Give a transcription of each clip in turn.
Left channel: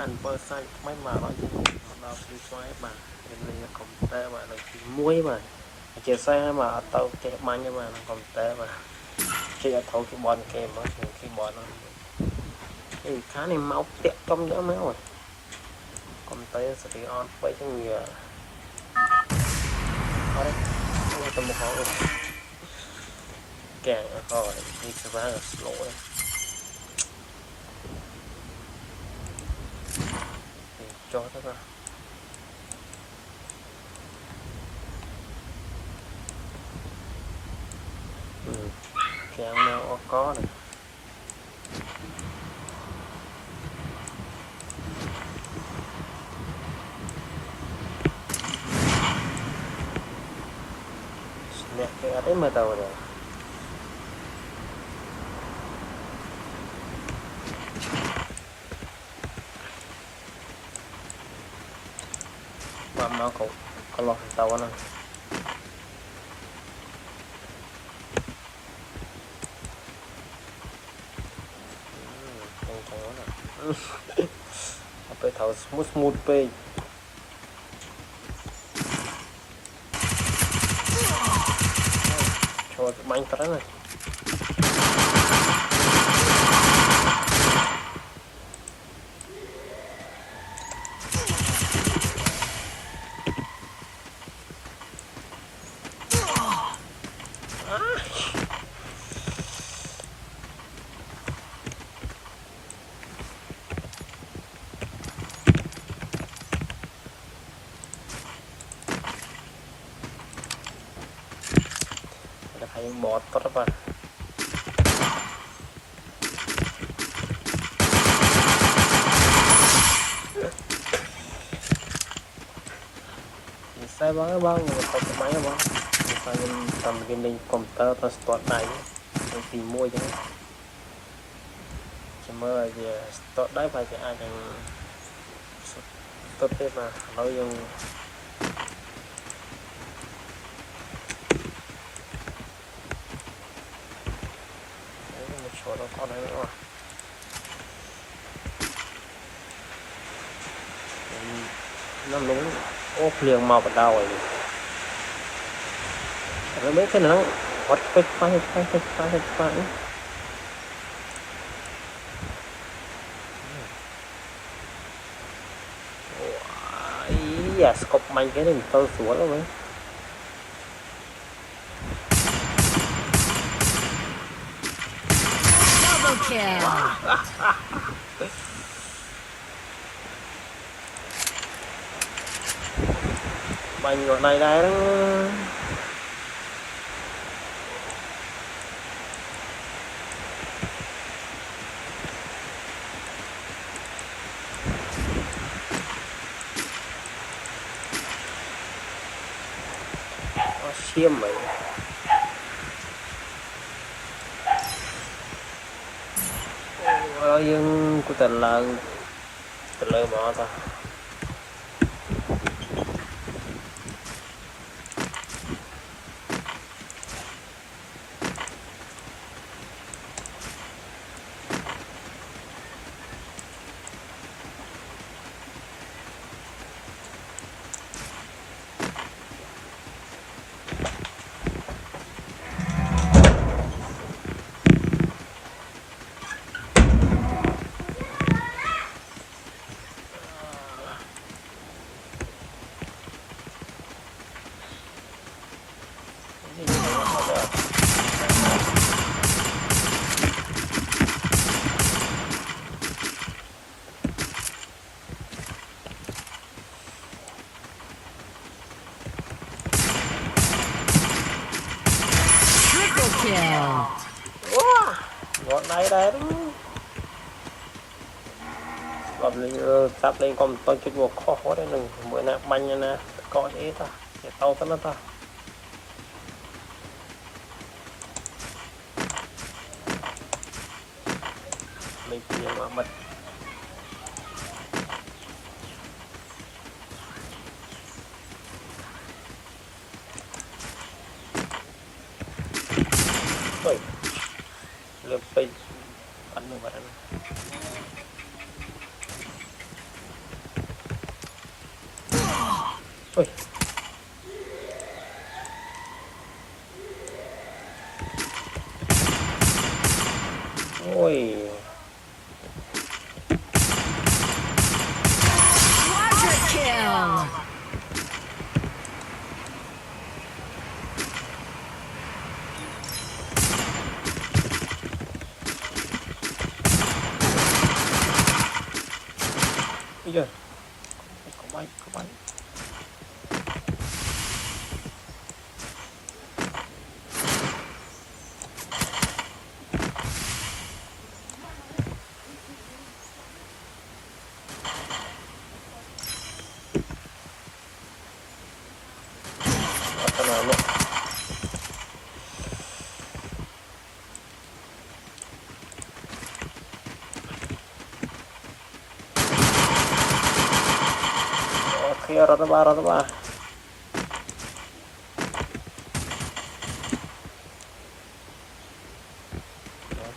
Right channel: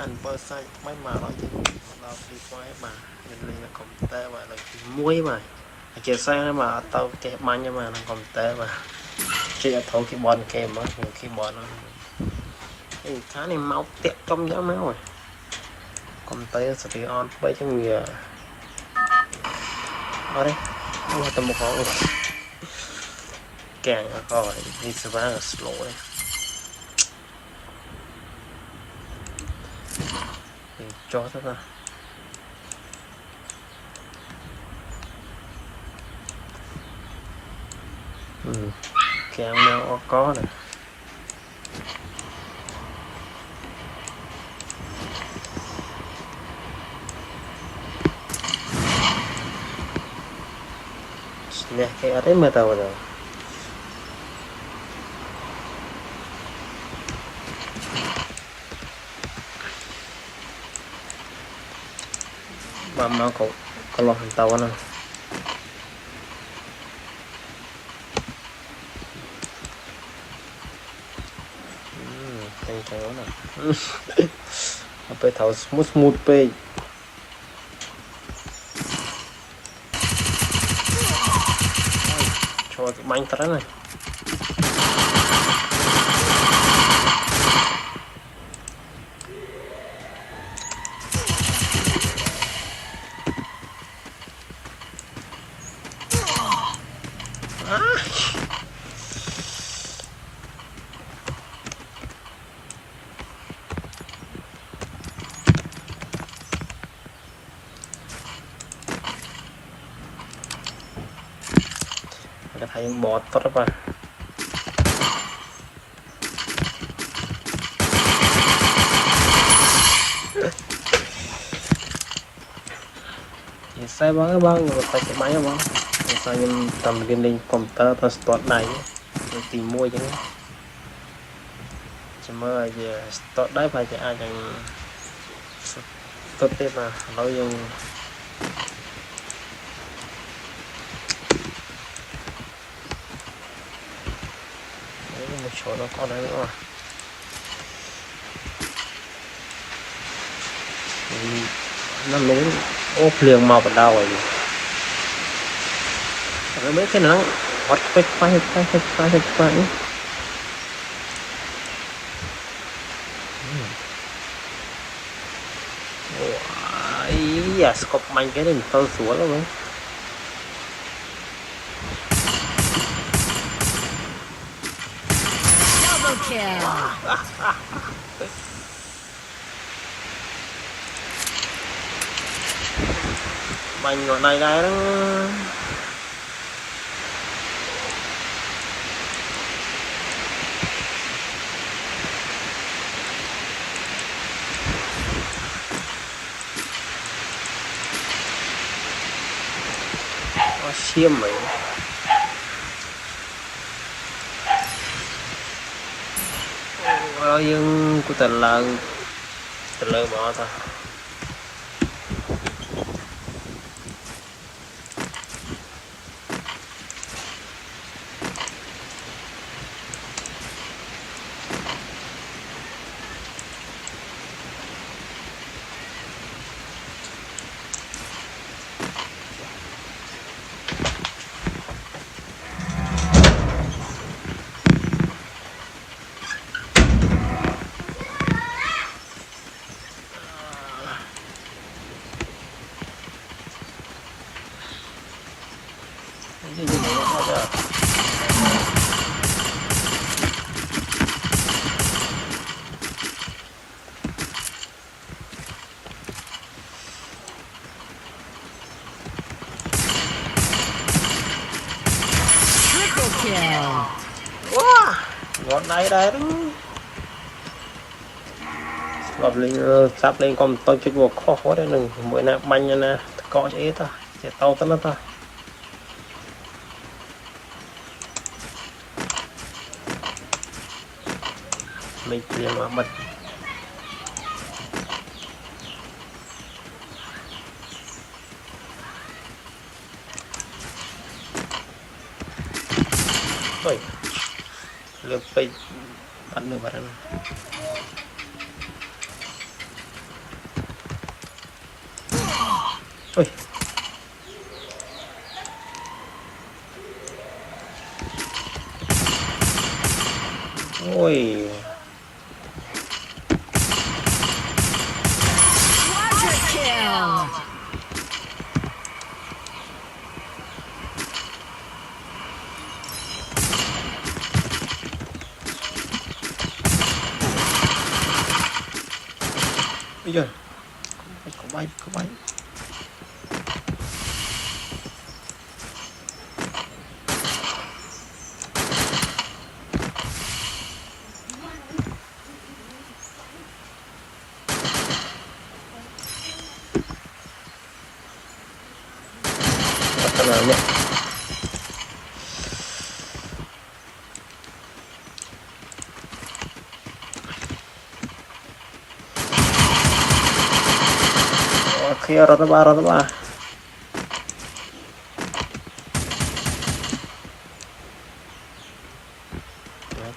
anh bơ xay mấy mà nói chứ nó đi xoay mà nên là còn tệ mà là muối mà chia sẻ mà tao chạy mạnh nhưng mà nó còn tệ mà chỉ là thâu cái bon kèm á cái bon nó cái cá này máu tiệt trong giá máu rồi còn tệ sẽ bị on với cho người ở đây tao một họ càng khỏi đi sẽ vá là slow đấy cho tất cả càng mèo có này nè cái ở đấy mà tao rồi mà cậu kalau tao nè apa tahu smooth pe cho bánh tara này thấy bọt tốt lắm sai băng băng người ta cái máy băng sao nhưng tầm viên linh computer start này tìm mua chứ chỉ mới giờ start đấy phải cho ai chẳng tốt tiếp mà nói dùng chỗ nó có đấy nữa mà nó lún ốp liền màu vào đâu rồi nó mấy cái nó hót phách ý à scope mạnh cái này mình tao xuống luôn ấy Kill. Bánh nó này đây đó nó xiêm mày rồi nhưng của tình lợn bỏ ta wow ngọn này đây gặp lên sắp lên con tôi chút một khó khó đấy đừng bữa nào banh nha nè có chế ta để tao tao ta mình chỉ mà bật lượt bay bắn nữa bắn ôi ôi Quadra kill. bây giờ có bay nào nhé khi ra đó ba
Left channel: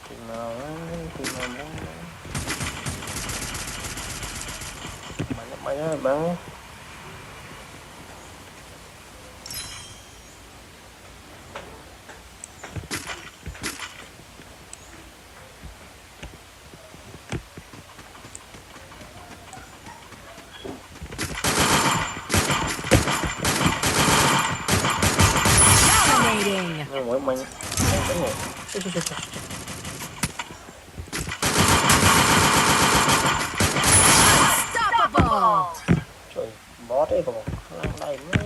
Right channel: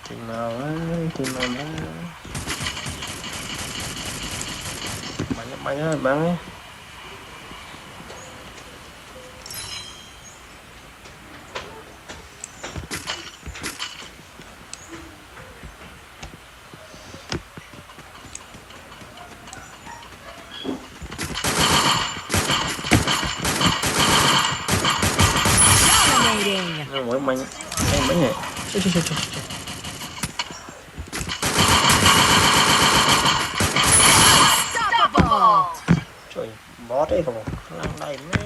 chừng nào bắn ơi bắn Dominating. mỗi mình mấy nhỉ Unstoppable. trời bó đấy còn lăn đây nữa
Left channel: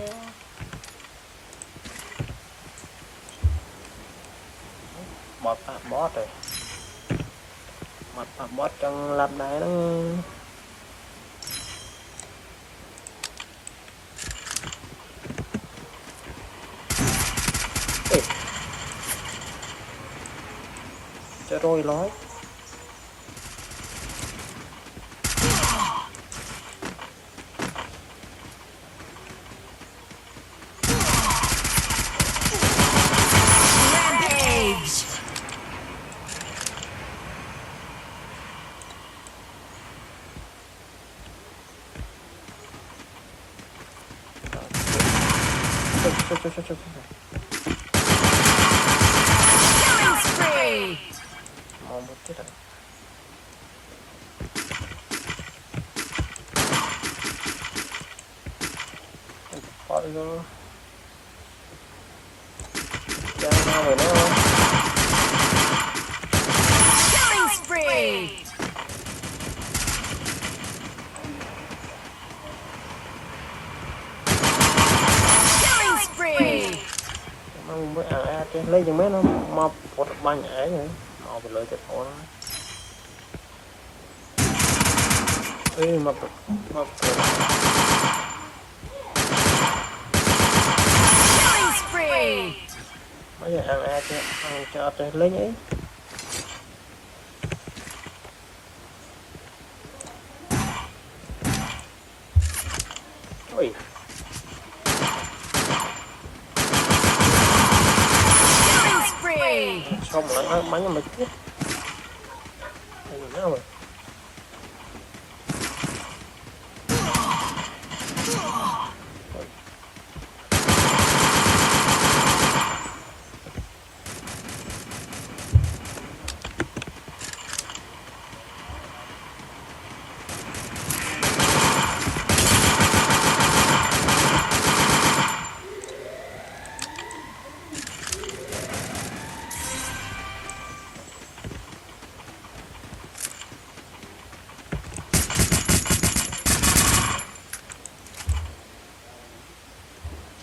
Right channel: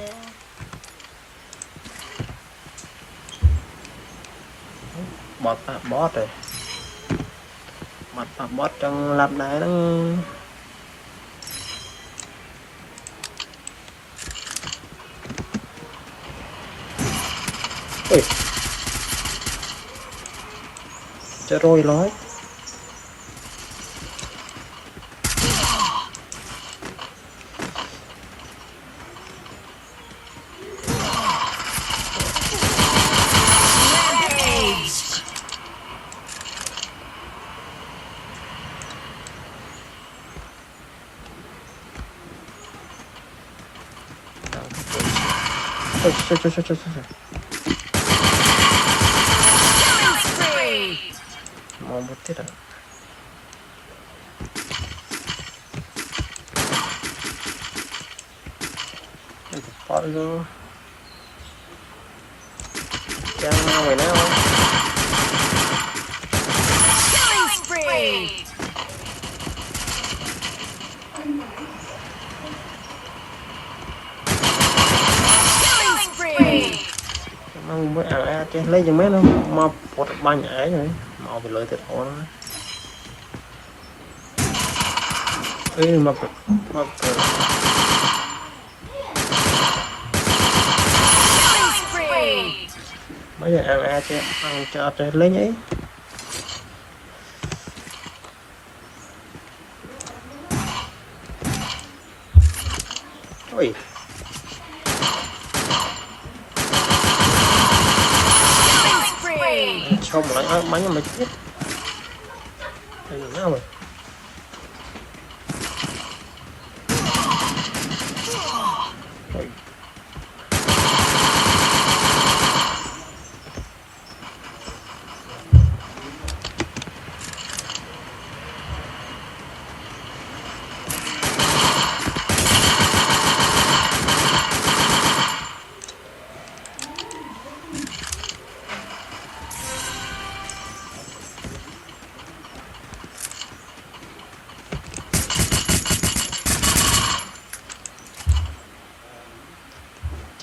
bót rồi mặt bót trong lạp đáy đó ui chết rồi nói Rampage. Trời. Killing spree. Mau một tiết à bỏ đi luôn chán nhau rồi nào Killing spree. Killing spree. không mới chứ lấy cho mấy nó mau một ba nhảy rồi mau bị lợi thiệt hộ nó ê mà Killing spree. bây giờ chứ ăn cho lấy nhảy ôi Killing spree. xong lại bắn mà chết đây là nào rồi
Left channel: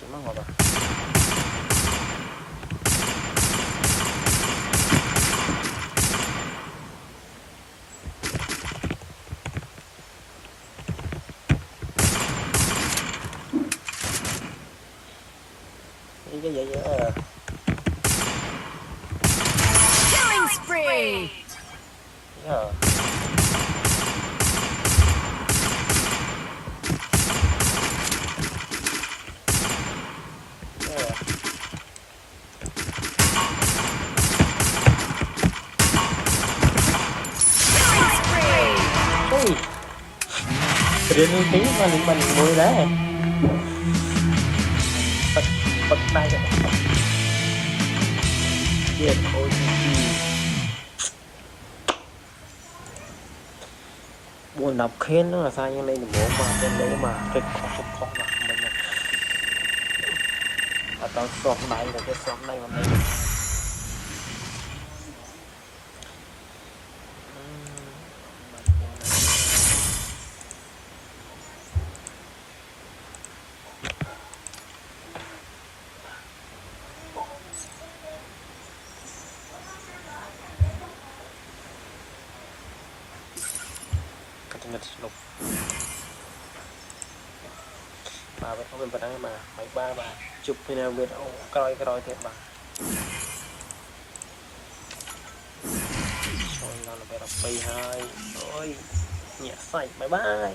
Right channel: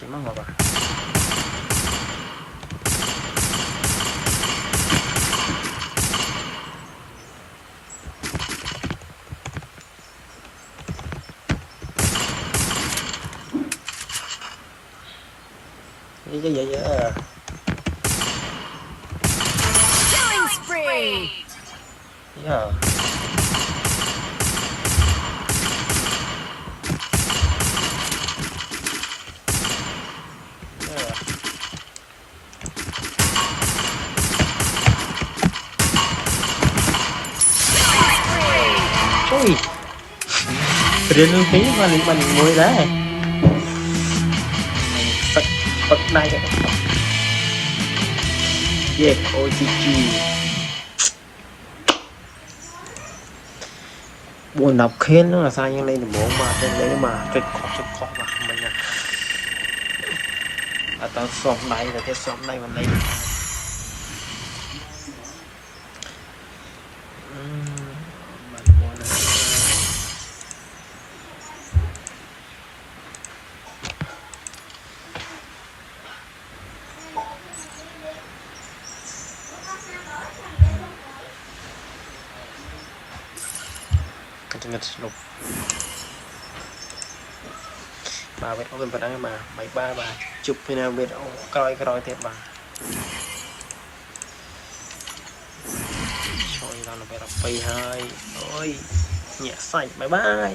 chỉ mong mà đi cái gì vậy Killing spree. yeah. Ui, Rin khí mà mình ngồi đấy này yeah ôi chị buồn đọc khiến nó là sao như lên bộ mà trên đấy mà cái khó mà mình là tao xóm này là cái xóm này mà này ngất lục bà biết có cái mà mấy ba bà chụp bên nào biết ông coi thiệt bà rồi nó phải đọc pay hai ôi nhẹ sạch bye bye